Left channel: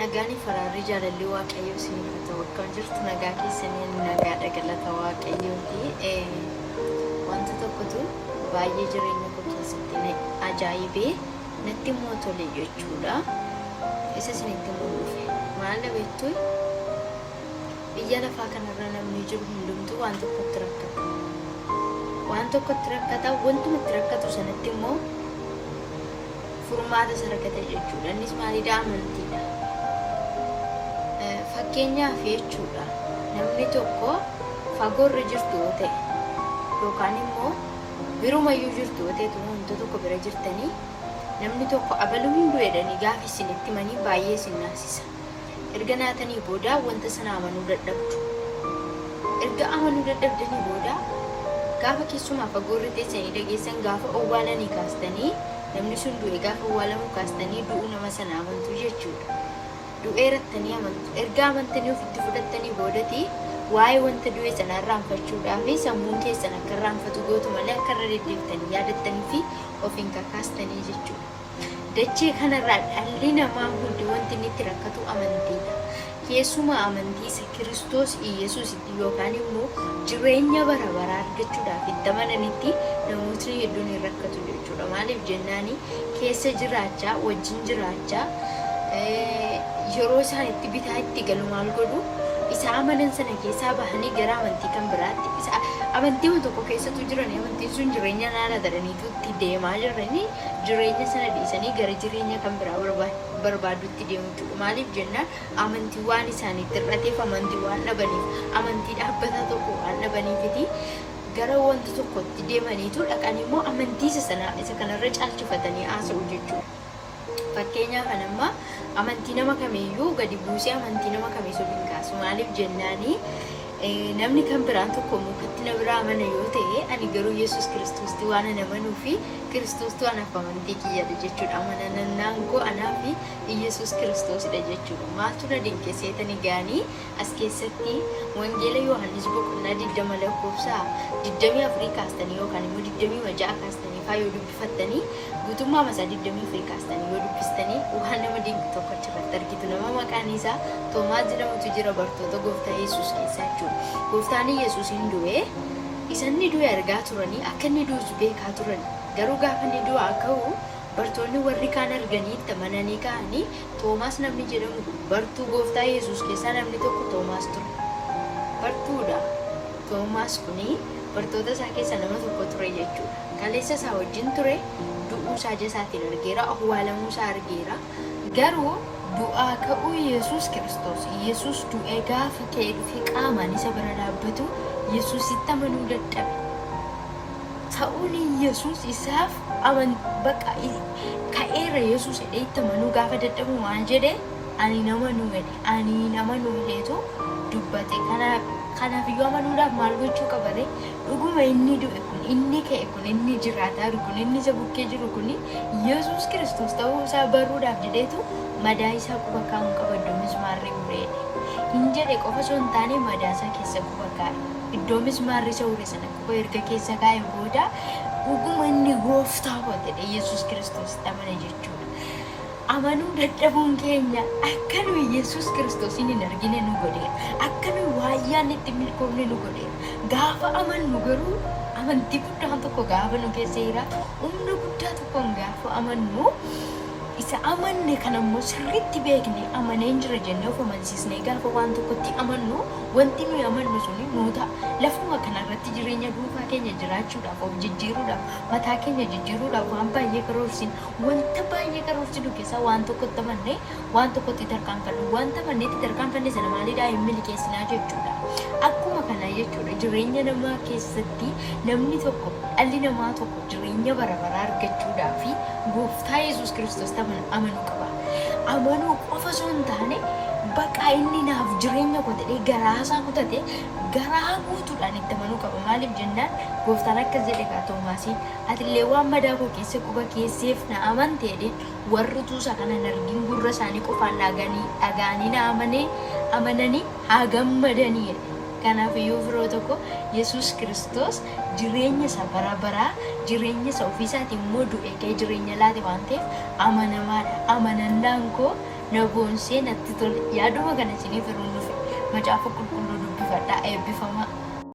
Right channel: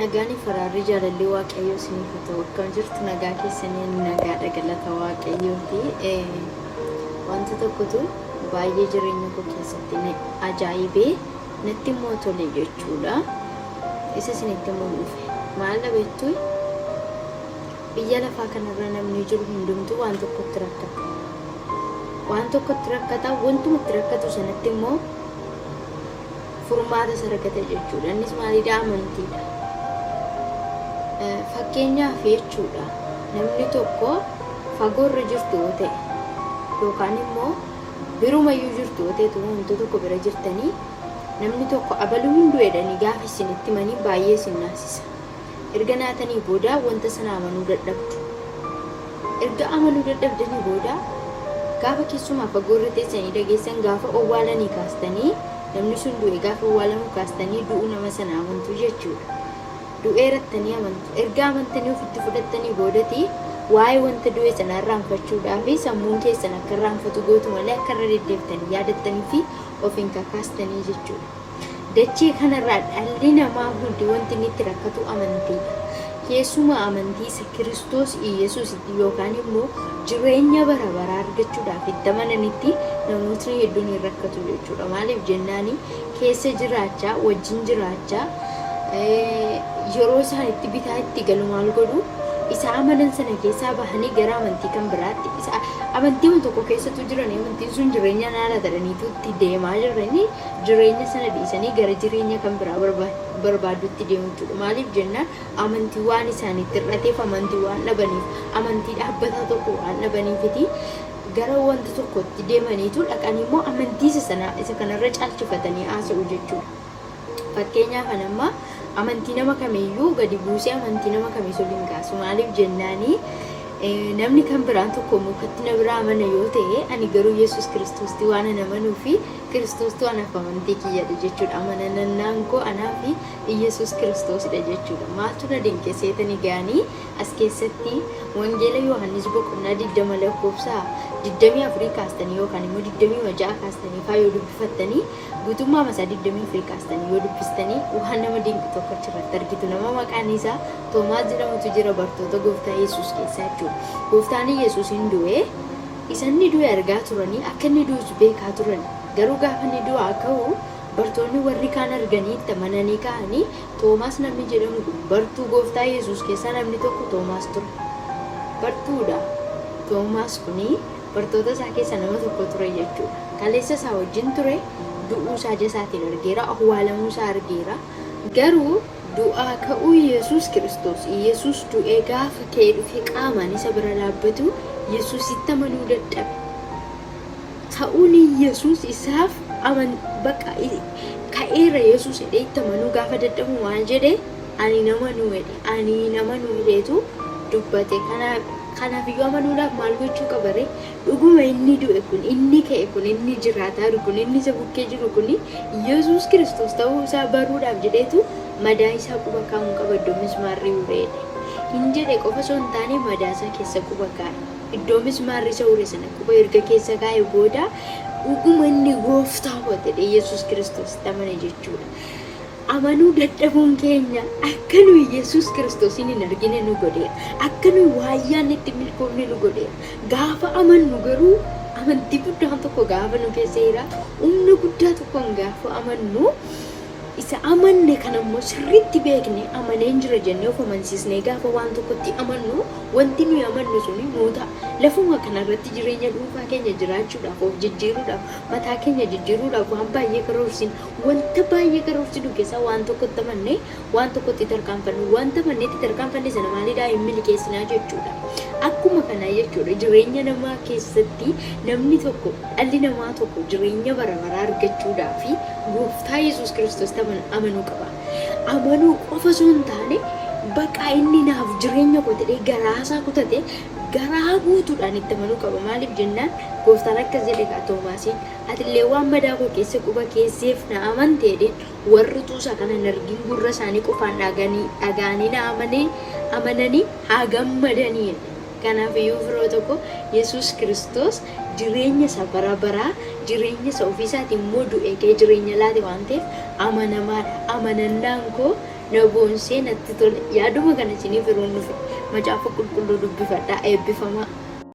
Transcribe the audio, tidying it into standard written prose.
Nagaani faraarri jaalallee waaqayyoo isiniif haa ta'u. Akkam jirtu nagaa keessanii nagaadha galata waaqayyooti. Wanta tokkotu baay'ee jireenya koo keessatti ajaa'ibee natti immoo tole jechuudha. Isa isinitti immoo dhufe maal dhabeettu biyya lafaa kanarra namni jiru hundumtuu waan tokkotti rakkata. Waan tokkotti rakkata, wantumatti rakkatu sanatti immoo furmaata isa rakkate jechuudha. Innis maalidha? Amantiidha. Fakkeenyaaf jechuudha namni tokko fagoorra jirtu yoo ta'e yookaan immoo birumayyuu jirtu yoo ta'e wantoota tokko bira jirtanii namni tokko abaluu hin du'edhanii gaafa isinitti manii baay'ee isin naasisa. Erga naatanii booda wanta sana amanuu dadhabdu. Erga amanuu dadhabdanii booda gaafa keessumaa fagoorra teessanii dhageessan gaafa owwaalanii kaastanii namni sun du'e gaafa owwaalamu kaastanii du'uu nama sana amantu jechuudha. Du'eerattanii amantu. Erga amantanii ofitti fudhattanii boodati waa'ee wanta du'e sana irraanfachuudhaaf sammuun keessan akka irraanfatu gootu malee akka irra deddeebitanii yaadattanii fi ofiin kakaastanii jechuudha. Dachee kanarraa dhalli namaa hundi wanti inni itti rakkatu amantiidha. Keessumaa amantii isa Kiristoos Iyesuusitti yookaan immoo jireenya bara baraa argachuudhaaf itti amananitti namootni hedduun hin rakkatu jechuudha. Maaliif jennaani keessa jiraachaa wajjin jiraachaa yeroo isaan itti bitaa itti galu maal godhu isa amanan sana keessaa bahanii gara amantii kan biraatti isa amantii tokko keessatti jiran amantiin sun jireenya naala daraniitu itti deemaa jiranii jireenya sana dhiisanii gara jireenya kan biraa barbaadutti deemu jechuudha. Maaliif jennaan amantii waan isaaniif hir'ateef amantii waan dhabaniif amantii dhaabbataa tokko waan dhabaniifiti gara wanta tokkotti deemaniitu dhaqanii immoo amantii sana isa kanarra caalchifatanii haasa'u jechuudha. Fakkeenyaaf amma amantii nama kamiyyuu gadi buusee amantii nama kamiyyuu hin kaasu. Maaliif jennaani namni kan biraan tokko mukatti na biraa amana yoo ta'e ani garuu Yesuus Kiristoostii waan ana amanuu fi Kiristoostuu anaaf amantii kiyyadha jechuudha. Amanannaan koo anaa fi Yesuus Kiristoosidha jechuudha. Maaltu na dinqisiisanii ga'anii as keessatti wangeela Yohaannis boqonnaa 20 lakkoofsa 24 kaastanii yookaan immoo 26 kaastanii faa yoo dubbifattanii guutummaa masaa 24 kaastanii yoo dubbistanii waan nama dinqi tokko achirratti argitu. Nama maqaan isaa Toomaas jedhamutu jira bartoota gooftaa Yesuus keessaa jechuudha. Gooftaan Yesuus hin du'e isanni du'e argaa turanii akka inni du'u beekaa turan. Garuu gaafa inni du'aa ka'u bartoonni warri kaan arganii itti amananii ka'anii Toomaas namni jedhamu bartuu gooftaa Yesuus keessaa namni tokko Toomaas ture. Bartuudha. Toomaas kuni bartoota isaa keessaa nama tokko ture jechuudha. Kaleessa isaa wajjin ture du'uu isaa jasaatiin argeera, awwaalamuu isaa argeera. Garuu du'aa ka'uu Yesuus Kiristoos Yesuus du'ee gaafa ka'ee dhufe qaamaan isa bira dhaabbatu Yesuusitti amanuu dadhabe. Ta'uun Yesuus isaaf bakka ka'eera Yesuus jedhee itti amanuu gaafa dadhabu waan jedhe ani nama nuudheetu dubbate. Kanaaf iyyuu amanuudhaaf maal gochuu qabare dhuguma inni du'e kun inni ka'e kun inni jiraataa jiru kun inni isa bukkee jiru kun Yesuus Kiristoos ta'uu isaa baruudhaaf jedheetu madaa isaa quba kaa'uun qaba. Iddoo mismaarri ureedhe hin jedhe qofa osoo hin taane madaa isaa keessa quba kaa'e. Iddoo mismaarri isa ure sana quba erga keessa kaa'e booda dhuguma inni gooftaa ta'e Yesuus Kiristoos amane jechuudha. Amanuu dadhabuun keenya akka nuyi Yesuus Kiristoosin hin argine nu godhe, akka nuyi waayyaan itti milkoomne nu godhe. Gaafa amannu garuu amantii guddaan tokko gaafa nu keessa jira, humna guddaa tokkoon gaafa amannu isa amanne kan ammoo sirriitti beekne amaneen jira jennee of amansiisnee gaafa waan tokkotti amannu wanti nuyi amannu suni nuu ta'a. Lafuma kanarratti jireenya dhuunfaa keenya jiraachuudhaaf of jijjiiruudhaaf mataa keenya jijjiiruudhaaf waan baay'ee karoorsin wanta baay'ee karoorsinu keessaa waan tokkotti amannee waan tokkotti tarkaanfannu wanta amanneetti tarkaanfanne sana maalidhaa hin milkeessinaa jechuudha. Akkuma kanaa jechuudha jireenya namaa keessatti namni tokko dhalli namaa tokko jireenya bara baraa argachuudhaaf gooftaa Yesuus Kiristoos amanuu qaba. Amanuu qofa osoo hin taane bakka inni naaf jireenya koo ta'ee garaasaa kutate garaa guutuudhaan itti amanuu qaba. Maaliif jennaan gooftaan akkas jedhe Toomaasiin atillee waan madaa koo keessa quba keesseef na amanteedhe warri tuusa kana hin argin gurra isaanii qofaan dhaga'anii na amananii haa gammadanii. Kanaaf iyyuu firoota koo Yesuus Kiristoos jireenya isa bara baraa jireenya isa ofiisaatiin immoo du'ee jireenya laate waan ta'eef amanamaadha. Amanannaan koo nagoonsee natti tole yaaduma kana isiniif yeroo nufi macaafa qulqulluu dubbifadhaa eebbifamaa.